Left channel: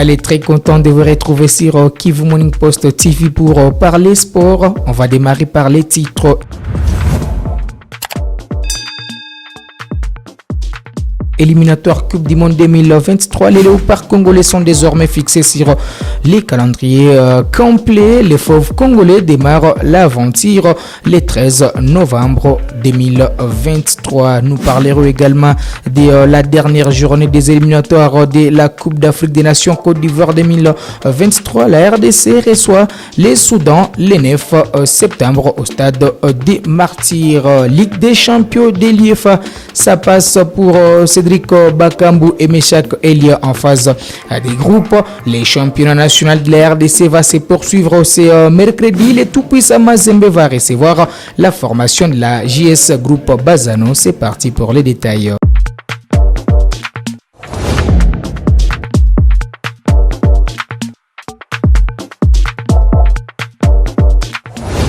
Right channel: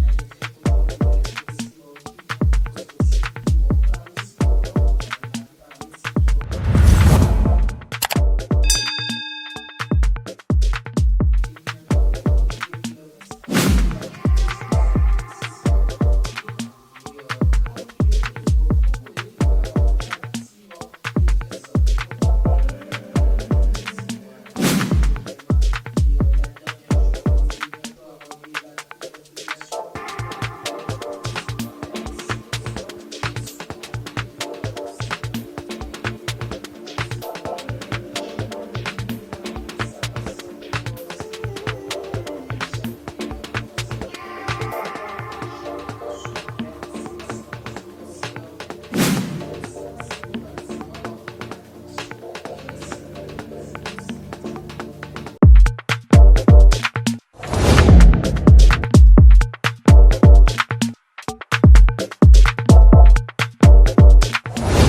Allez, très content de vous retrouver sur Kivu Morning Post TV pour parler sport. On va démarrer par les titres. Éliminatoire Coupe du Monde 2023, les léopards congolais sont désormais fixés sur les calendriers complets. Les fauves congolais démarrent l'aventure le 13 novembre 2023. Nous parlerons également de la dernière journée des éliminatoires de la Coupe d'Afrique des Nations Côte d'Ivoire 2023. La RDC reçoit les Soudan le 9 septembre au stade des Martyrs. Ligue des champions de l'UEFA, ça passe pour Cédric Bakambu et Meshak Elia en phase des groupes. Les championnats nationaux de la RDC va se poursuivre ce mercredi. Le tout-puissant Mazembe va recevoir la formation de la JS Groupe Bazano. C'est parti pour les détails.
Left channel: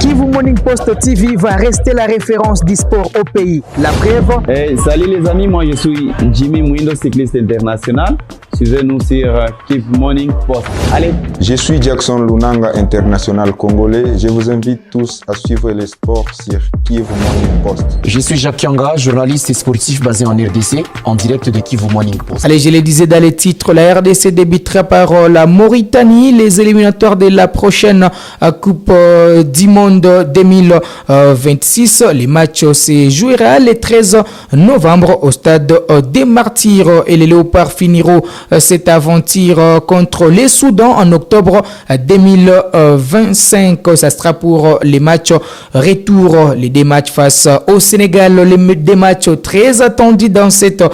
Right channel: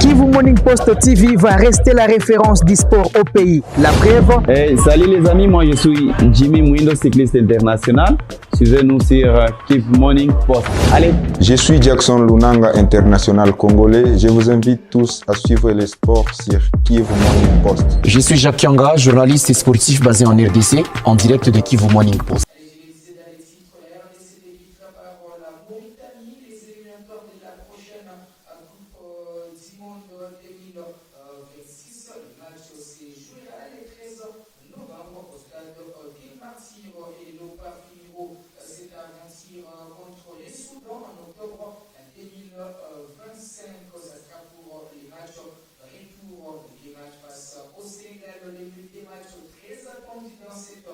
Kivu Morning Post TV va rester la référence du sport au pays. La preuve. Salut les amis, moi je suis Jimmy Mwindo, cycliste international. Suivez-nous sur Kivu Morning Post. Allez. Je suis Jackson Lunanga, international congolais. Je vous invite tous à suivre les sports sur Kivu Morning Post. Je suis Jacques Yanga, journaliste et sportif basé en RDC, en direct de Kivu Morning Post. Allez, je le disais dans les titres, la RDC débutera par la Mauritanie, les éliminatoires de la prochaine Coupe du Monde 2026. Les matchs se joueront le 13 novembre au stade des Martyrs et les Léopards finiront cette aventure contre les Soudan en octobre 2025. Ça sera pour les matchs retour, les deux matchs face au Sénégal, les deux matchs très attendus dans cette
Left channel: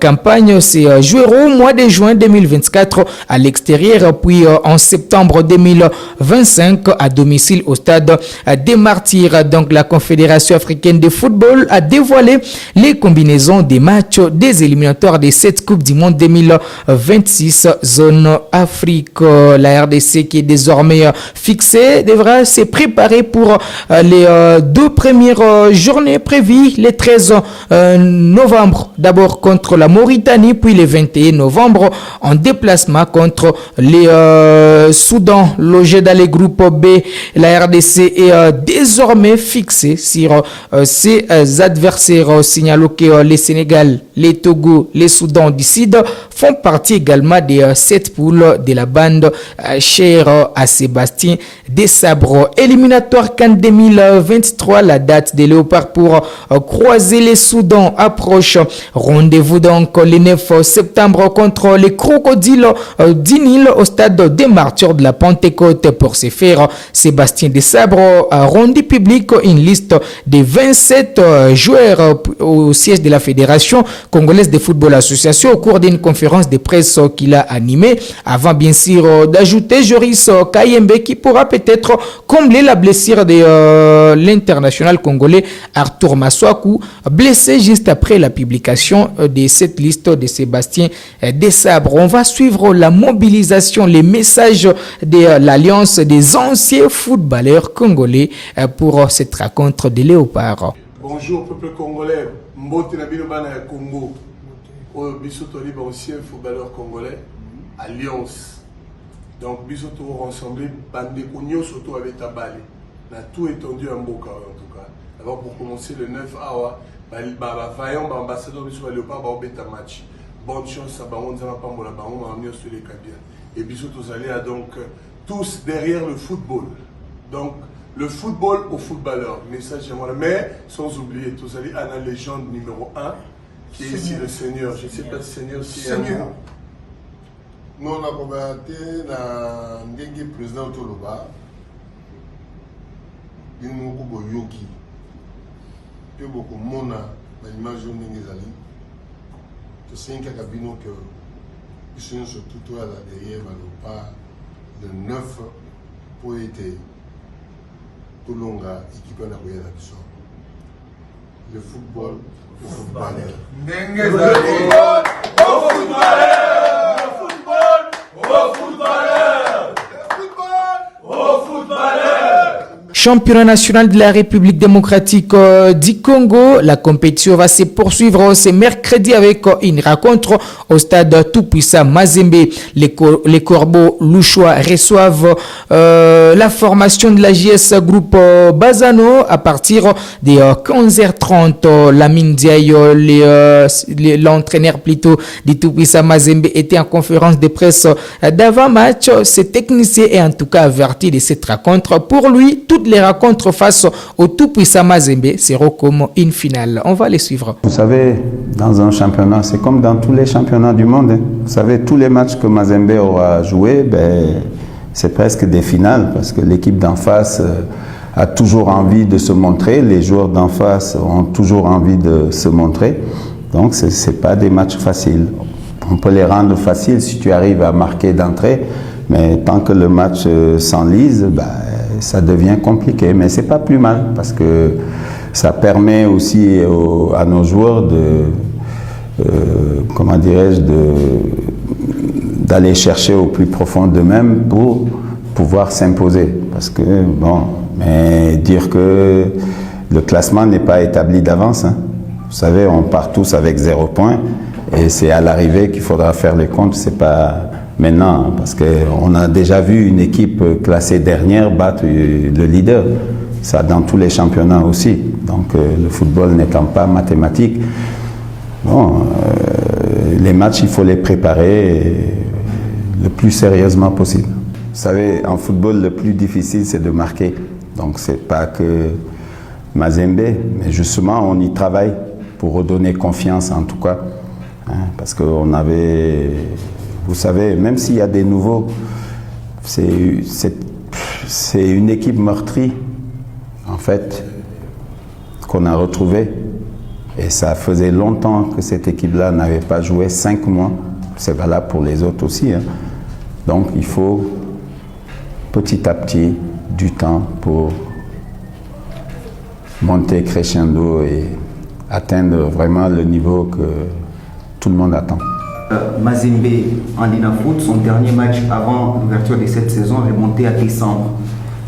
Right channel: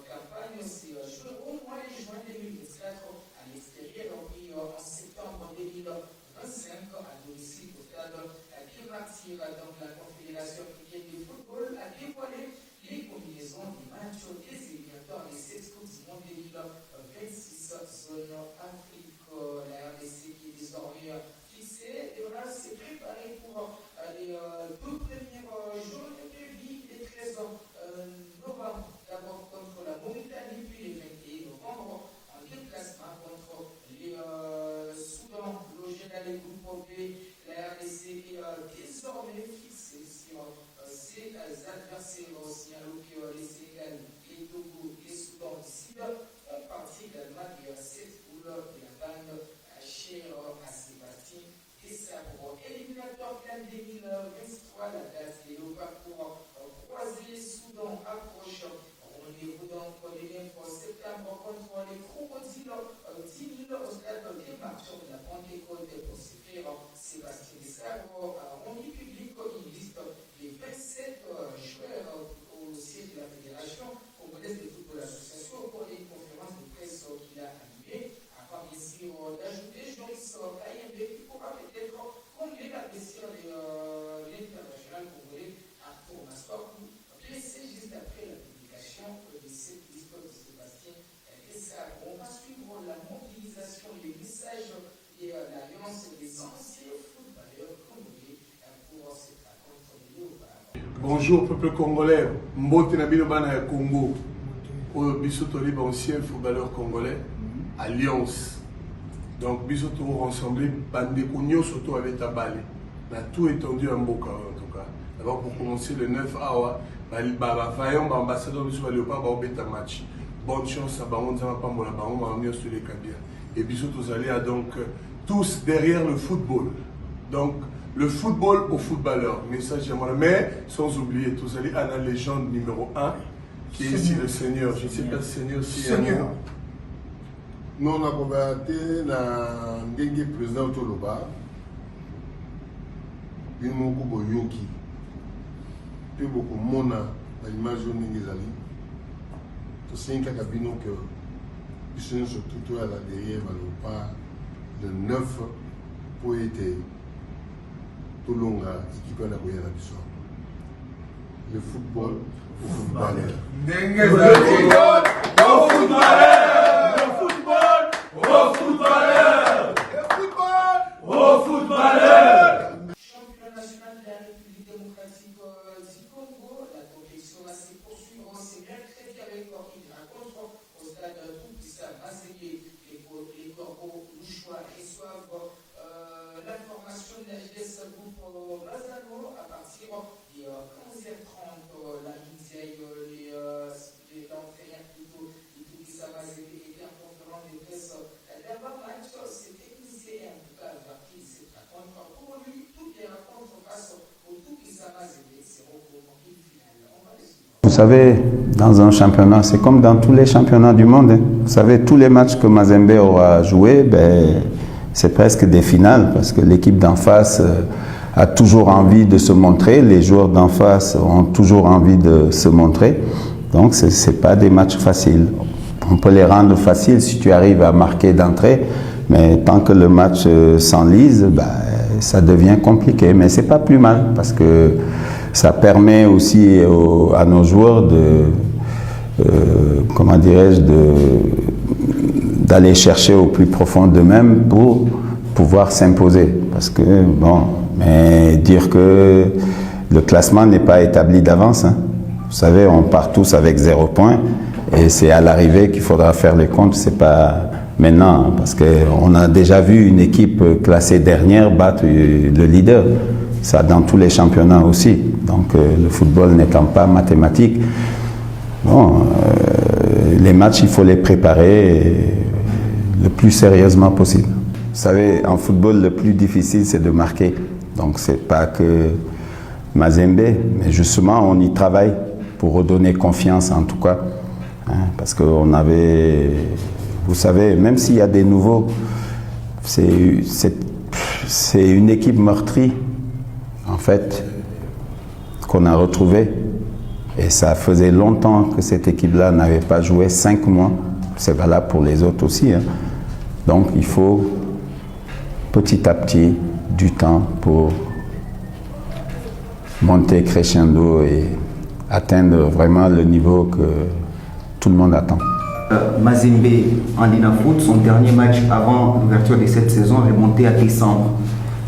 campagne. Se joueront au mois de juin 2024 à l'extérieur, puis en septembre 2025 à domicile au stade des Martyrs. Donc la Confédération africaine de football a dévoilé les combinaisons des matchs des éliminatoires de cette Coupe du Monde 2026 zone Afrique. La RDC qui est désormais fixée devra se préparer pour les deux premières journées prévues le 13 novembre d'abord contre la Mauritanie, puis le 21 novembre en déplacement contre les Soudan logés dans les groupes B. La RDC est désormais fixée sur ses adversaires. Signalons que les Sénégal, les Togo, les Soudan du Sud font partie également des 7 poules de la bande chère à Sébastien Desabre. Éliminatoire CAN 2023, la date des Léopards pour croiser les Soudan approche. Rendez-vous donc le 9 septembre contre les Crocodiles du Nil au stade des Martyrs de la Pentecôte. Pour ce faire, Sébastien Desabre a rendu public une liste de 27 joueurs au siège de la Fédération congolaise de football association au cours d'une conférence de presse qu'il a animée, avant bien sûr d'ajouter Joris Kayembe qui pourra peut-être combler la blessure de l'international congolais Arthur Maswaku, blessé juste après la publication de cette liste de Sébastien Desabre. On va suivre la mobilisation, les messages de l'Alliance des anciens footballeurs congolais pour cette rencontre des Léopards. Bonjour peuple congolais, Mbote Nabilo Bana ya Congo, Bisoto libre ancien footballeur congolais, Alliance. Donc Bisoto rassemblé, Bande Kounio Soto avec Tabali. On a tout étendu en Mboka en tout cas. D'abord pour commencer le 9 awa, Vaillant, ambassadeur Bisoto Léopard, va au match. Bonne chance à Baron Zama Pambola, Baron Marmio sur les Kabia. Et Bisoto Zalé a donc tous derrière le football. Donc le football aux footballeurs, message j'aimerais, mais sans oublier, tous allez à la légende numéro 1, qui est ici le Seigneur. Je ne sais pas si Seigneur aussi. Seigneur. Nous on a combattu la ndenge président Toloba, il nous a beaucoup yogi, puis beaucoup mona l'image de Ningizali. Tout c'est un cabino que ils sont surtout à la derrière le 9 pour être Tolonga, équipe à la Biso. Le football au footballeur. Le football au footballeur. Le football au footballeur. Le football au footballeur. championnat national de la République démocratique du Congo. La compétition va se poursuivre ce mercredi avec une rencontre au stade tout-puissant Mazembe. Les Corbeaux louchois reçoivent la formation de la JS Groupe Bazano à partir de 15h30. Lamine Diaye, l'entraîneur plutôt du tout-puissant Mazembe, était en conférence de presse d'avant-match. Ce technicien est en tout cas averti de cette rencontre. Pour lui, toutes les rencontres face au tout-puissant Mazembe seront comme une finale. On va les suivre. Vous savez, dans un championnat, c'est comme dans tous les championnats du monde. Vous savez, tous les matchs que Mazembe aura joué, c'est presque des finales parce que l'équipe d'en face a toujours envie de se montrer. Les joueurs d'en face ont toujours envie de se montrer. Donc, ce n'est pas des matchs faciles. On peut les rendre faciles si tu arrives à marquer d'entrée, mais tant que le match s'enlise, ça devient compliqué. Mais ce n'est pas plus mal parce que ça permet aussi à nos joueurs d'aller chercher au plus profond d'eux-mêmes pour pouvoir s'imposer. Parce que, mais dire que le classement n'est pas établi d'avance. Hein. Vous savez, on part tous avec 0 point. Et c'est à l'arrivée qu'il faudra faire les comptes, c'est pas maintenant, parce qu'on a déjà vu une équipe classée dernière battre le leader. Ça dans tous les championnats aussi. Donc le football n'étant pas mathématique, les matchs, il faut les préparer le plus sérieusement possible. Vous savez, en football, le plus difficile, c'est de marquer. Donc c'est pas que Mazembe, mais justement, on y travaille pour redonner confiance en tout cas. Parce qu'on avait, vous savez, même s'il y a des nouveaux, c'est une équipe meurtrie, en fait, qu'on a retrouvée. Et ça faisait longtemps que cette équipe-là n'avait pas joué, 5 mois. C'est valable pour les autres aussi. Donc il faut petit à petit du temps pour monter crescendo et atteindre vraiment le niveau que tout le monde attend. Mazembe en Linafoot, son dernier match avant l'ouverture de cette saison remontait à décembre.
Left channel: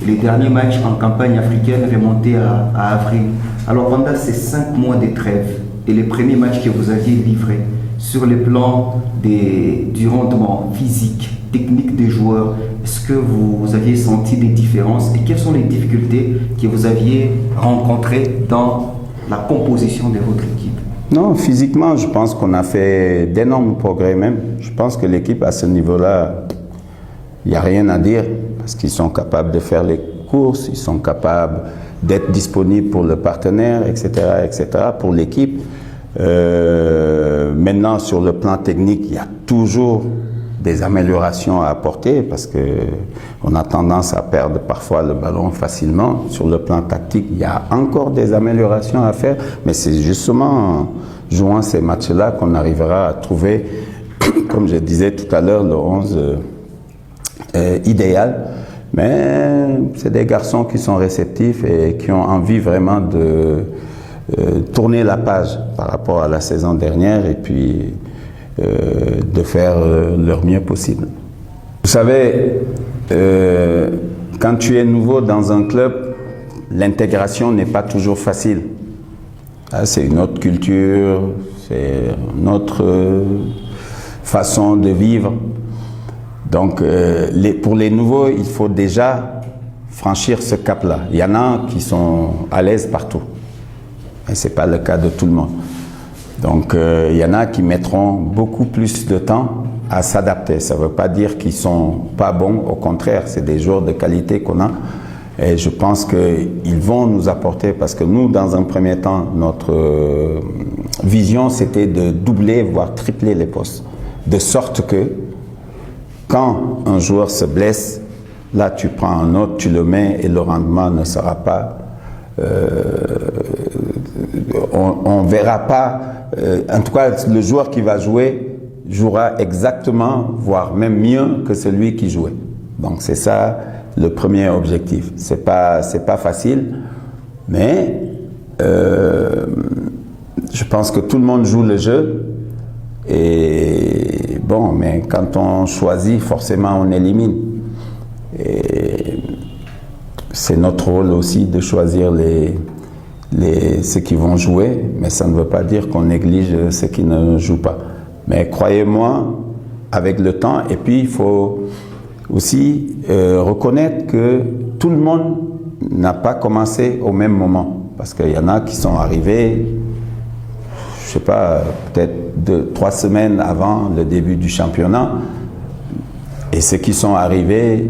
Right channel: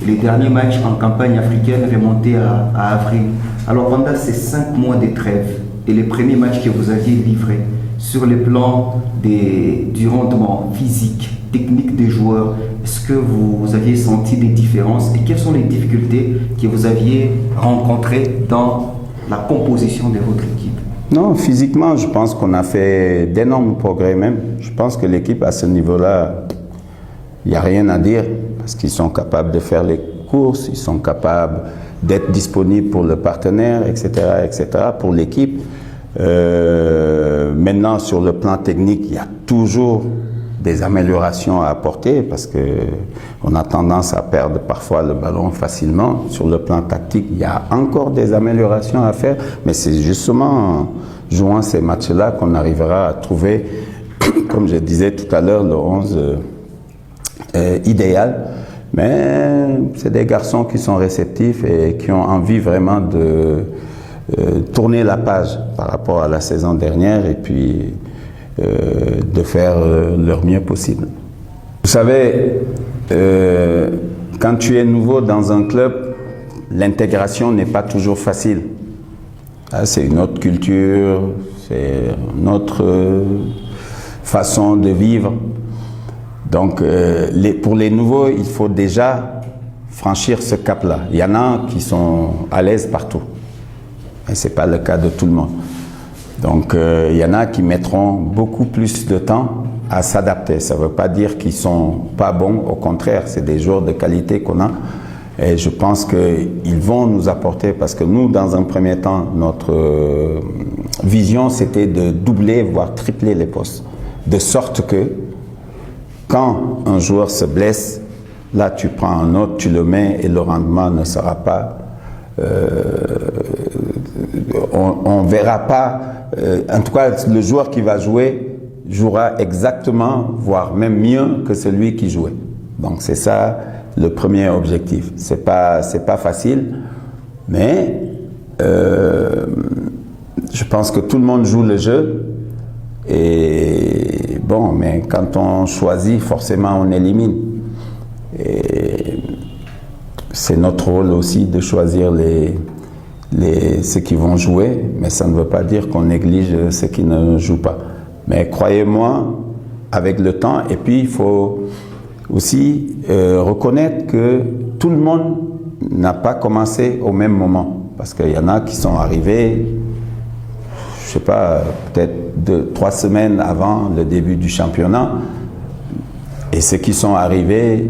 Et les derniers matchs en campagne africaine remontaient à avril. Alors pendant ces 5 mois de trêve et les premiers matchs que vous aviez livrés, sur le plan du rendement physique, technique des joueurs, est-ce que vous aviez senti des différences et quelles sont les difficultés que vous aviez rencontrées dans la composition de votre équipe? Non, physiquement, je pense qu'on a fait d'énormes progrès même. Je pense que l'équipe à ce niveau-là, il n'y a rien à dire parce qu'ils sont capables de faire les courses, ils sont capables d'être disponibles pour le partenaire, etc., etc., pour l'équipe. Maintenant, sur le plan technique, il y a toujours des améliorations à apporter parce qu'on a tendance à perdre parfois le ballon facilement. Sur le plan tactique, il y a encore des améliorations à faire, mais c'est justement en jouant ces matchs-là qu'on arrivera à trouver, comme je disais tout à l'heure, le 11 idéal. Mais c'est des garçons qui sont réceptifs et qui ont envie vraiment de tourner la page par rapport à la saison dernière et puis de faire leur mieux possible. Vous savez, quand tu es nouveau dans un club, l'intégration n'est pas toujours facile. C'est une autre culture, c'est une autre façon de vivre. Donc, pour les nouveaux, il faut déjà franchir ce cap-là. Il y en a qui sont à l'aise partout. Et ce n'est pas le cas de tout le monde. Donc, il y en a qui mettront beaucoup plus de temps à s'adapter. Ça ne veut pas dire qu'ils ne sont pas bons. Au contraire, c'est des joueurs de qualité qu'on a. Et je pense qu'ils vont nous apporter, parce que nous, dans un premier temps, notre vision, c'était de doubler, voire tripler les postes. De sorte que, quand un joueur se blesse, là, tu prends un autre, tu le mets et le rendement ne sera pas... on ne verra pas... en tout cas, le joueur qui va jouer jouera exactement, voire même mieux que celui qui jouait. Donc, c'est ça le premier objectif. C'est pas facile, mais je pense que tout le monde joue le jeu. Et bon, mais quand on choisit, forcément, on élimine. Et c'est notre rôle aussi de choisir ceux qui vont jouer, mais ça ne veut pas dire qu'on néglige ceux qui ne jouent pas. Mais croyez-moi, avec le temps, et puis il faut aussi reconnaître que tout le monde n'a pas commencé au même moment. Parce qu'il y en a qui sont arrivés, je ne sais pas, peut-être 2-3 semaines avant le début du championnat, et ceux qui sont arrivés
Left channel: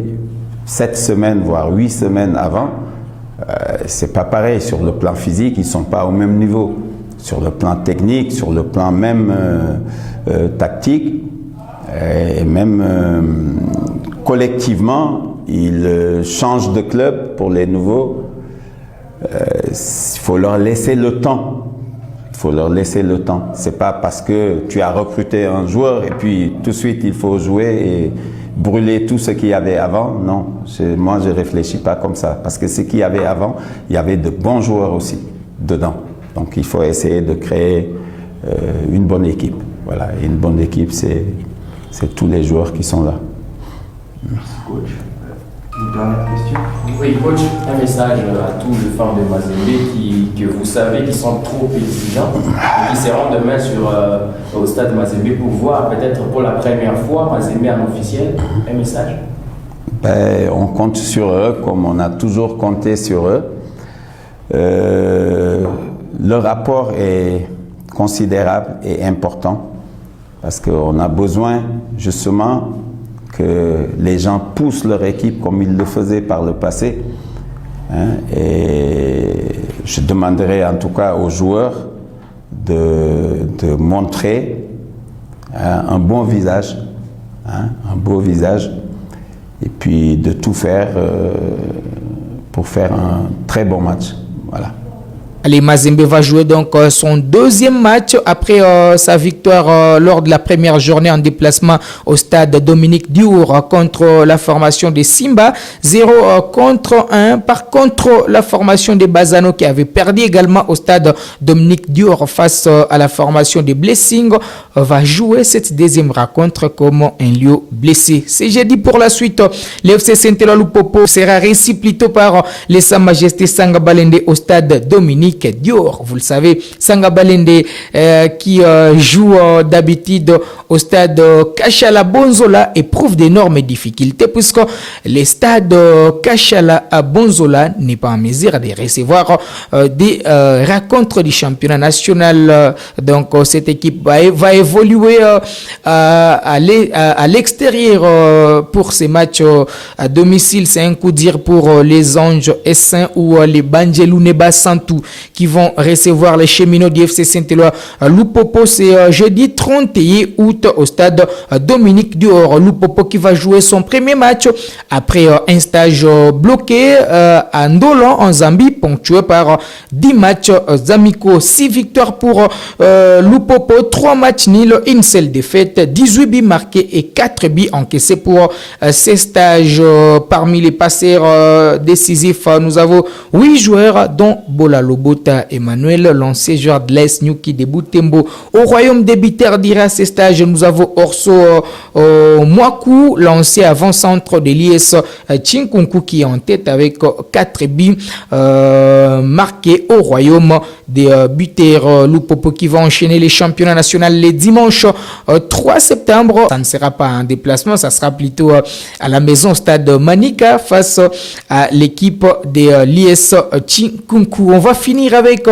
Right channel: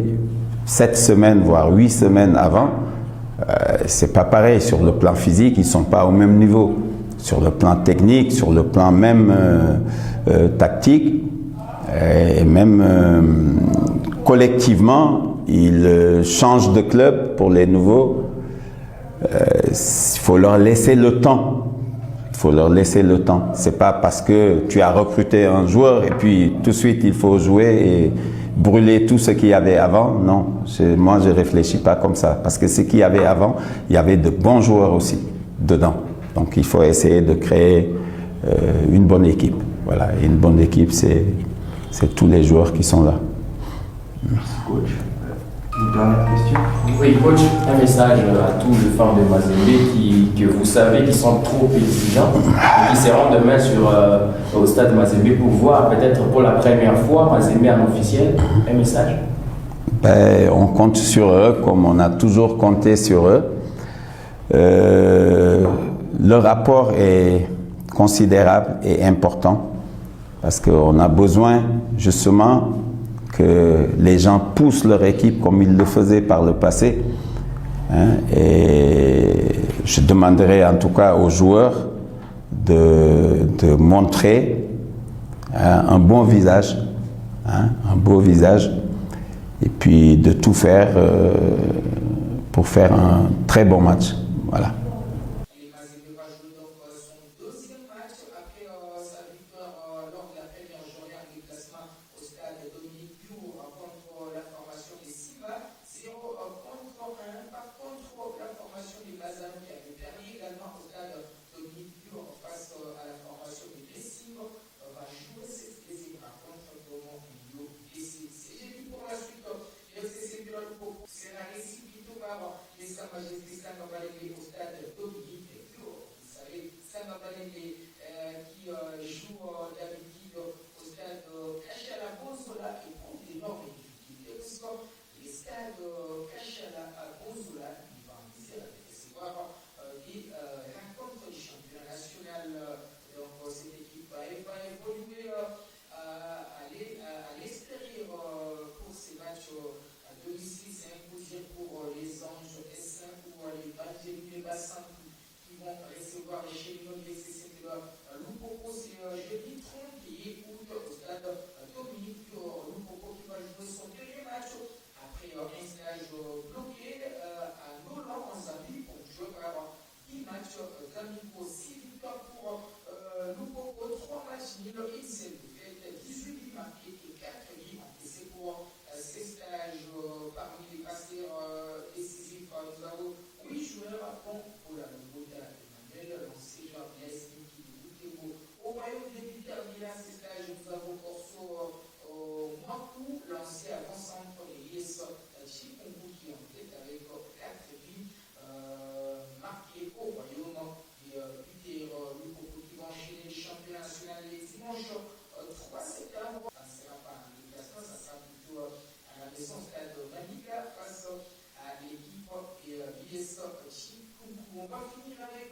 7 semaines, voire 8 semaines avant, c'est pas pareil. Sur le plan physique, ils ne sont pas au même niveau. Sur le plan technique, sur le plan même tactique, et même collectivement, ils changent de club pour les nouveaux. Il faut leur laisser le temps. Il faut leur laisser le temps. C'est pas parce que tu as recruté un joueur et puis tout de suite il faut jouer et brûler tout ce qu'il y avait avant. Non, moi je réfléchis pas comme ça. Parce que ce qu'il y avait avant, il y avait de bons joueurs aussi dedans. Donc il faut essayer de créer une bonne équipe. Voilà, et une bonne équipe, c'est tous les joueurs qui sont là. Merci coach. Une dernière question. Oui, coach, un message à tous les fans de Mazembe que vous savez qui sont trop exigeants et qui seront demain au stade Mazembe pour voir peut-être pour la première fois Mazembe en officiel. Un message? On compte sur eux comme on a toujours compté sur eux. Leur apport est considérable et important parce qu'on a besoin justement que les gens poussent leur équipe comme ils le faisaient par le passé. Et je demanderai en tout cas aux joueurs de montrer un bon visage, un beau visage, et puis de tout faire pour faire un très bon match. Voilà. Allez, Mazembe va jouer donc son deuxième match après sa victoire lors de la première journée en déplacement au stade Dominique Diour contre la formation des Simba, 0 contre 1. Par contre, la formation des Bazano qui avait perdu également au stade Dominique Diour face à la formation des Blessings va jouer cette deuxième rencontre comme un lieu blessé. C'est jeudi pour la suite. L'FC Saint-Éloi Lupopo sera reçu plutôt par les Sa Majesté Sanga Balende au stade Dominique Dior. Vous le savez, Sanga Balende qui joue d'habitude au stade Kachala Bonzola éprouve d'énormes difficultés puisque le stade Kachala à Bonzola n'est pas en mesure de recevoir des rencontres du championnat national. Donc cette équipe va évoluer à l'extérieur pour ces matchs à domicile. C'est un coup dur pour les Anges Essin ou les Banjelou Neba Santou qui vont recevoir les cheminots du FC Saint-Éloi Lupopo. C'est jeudi 31 août au stade Dominique Dior. Lupopo qui va jouer son premier match après un stage bloqué à Ndolo en Zambie, ponctué par 10 matchs amicaux, 6 victoires pour Lupopo, 3 matchs nuls, une seule défaite, 18 buts marqués et 4 buts encaissés pour ces stages. Parmi les passeurs décisifs, nous avons 8 joueurs dont Bola Lobota Emmanuel, l'ancien joueur de l'Est Nyuki de Butembo. Au royaume des Biter d'Ira, ces stages, nous avons Orso Mwaku, l'ancien avant-centre de l'IS Chinkunku qui est en tête avec 4 buts marqués au royaume des Biter Lupopo qui va enchaîner les championnats nationaux les dimanches 3 septembre. Ça ne sera pas un déplacement, ça sera plutôt à la maison stade Manika face à l'équipe de l'IS Chinkunku. On va finir avec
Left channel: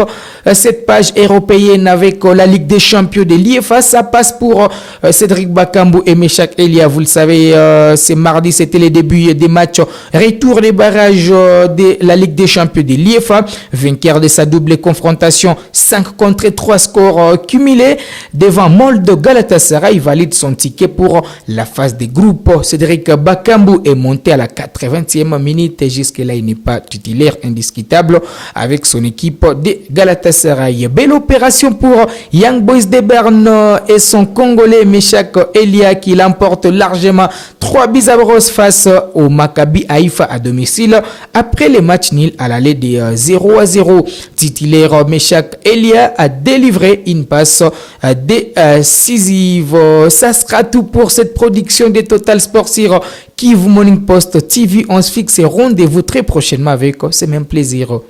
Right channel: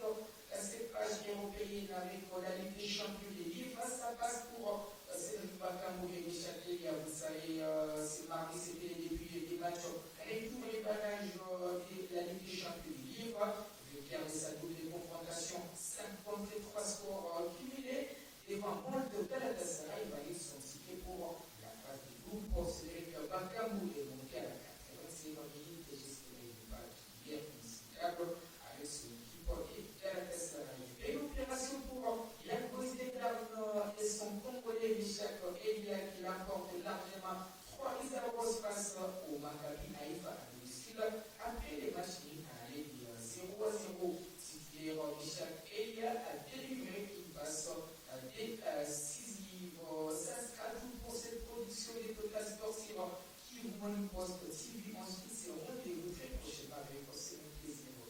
cette page européenne avec la Ligue des Champions de l'IFA. Ça passe pour Cédric Bakambu et Meshak Elia. Vous le savez, c'est mardi, c'était les débuts des matchs retour des barrages de la Ligue des Champions de l'IFA. Vainqueur de sa double confrontation, 5 contre 3 scores cumulés devant Molde Galatasaray. Il valide son ticket pour la phase des groupes. Cédric Bakambu est monté à la 80e minute. Jusque-là, il n'est pas titulaire indiscutable avec son équipe l'équipe de Galatasaray. Belle opération pour Young Boys de Berne et son Congolais Meshak Elia qui l'emporte largement 3-0 face au Maccabi Haïfa à domicile après les matchs nuls à l'aller de 0-0. Titulaire Meshak Elia a délivré une passe décisive. Ça sera tout pour cette production de Total Sport sur Kivu Morning Post TV. On se fixe rendez-vous très prochainement avec ce même plaisir.